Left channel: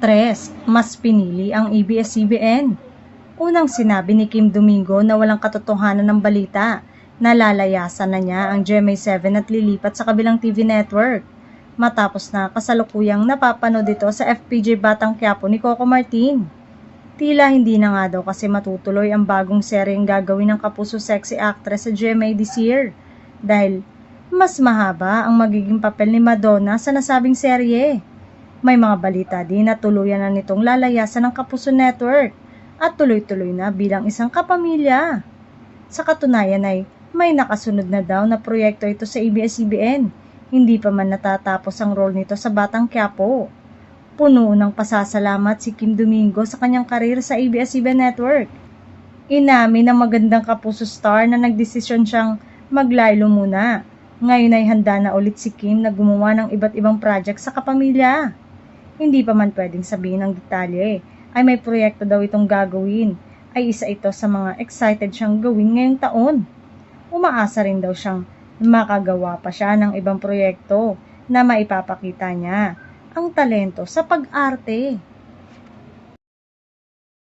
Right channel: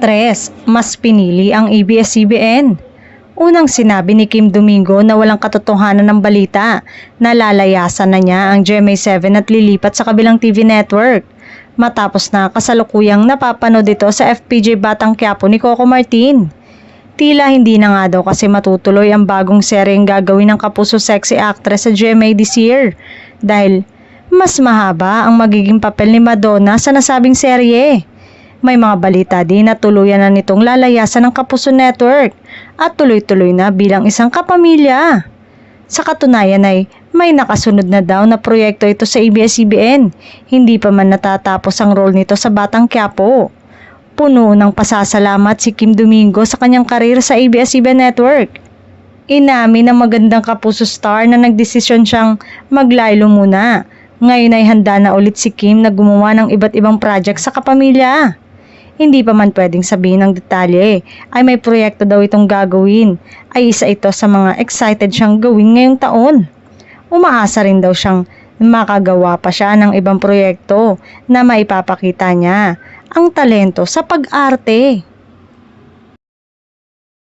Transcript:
aktres, mas pinili ang ABS-CBN. Unang sinabi ni Kim Domingo na walang katotohanan ng balita na lalayasan na niya ang GMA7 at lilipat sa kabilang TV network. Matapos na kasalukuyang napapanood ito sa FPJ Batang Quiapo ni Coco Martin. Tila hindi na nga daw kasi matutuloy ang bagong seryeng gagawin ng kapuso sexy actress sa GMA this year dahil mas mahaba ang magiging papel ni Madonna sa nasabing serye. May mga balita din na tuluyan na nitong lalayasan ng Kapuso Network at tuloy-tuloy na bilang isang kapamilya. Sa katunayan ay may nakasunod na daw na proyekto ito sa ABS-CBN. Hindi pa man natatapos ang role nito sa Batang Quiapo. Puno ng pasasalamat si Kim Domingo sa kanyang karir sa ABS-CBN Network. Inamin ng magandang Kapuso star na nagdesisyon siyang maglaylo muna. Ngayon ay handa na ulit si Kim na gumawa ng iba't ibang project sa kapamilya. Hindi pa man pwedeng sabihin ng detalye ay may proyekto daw itong gagawin ay isa ito sa mga excited siyang gawin ngayong taon. Umaasa rin daw siyang makagawa pa siya ng ibang proyekto na maipapakita niya ang talento sa pag-arte.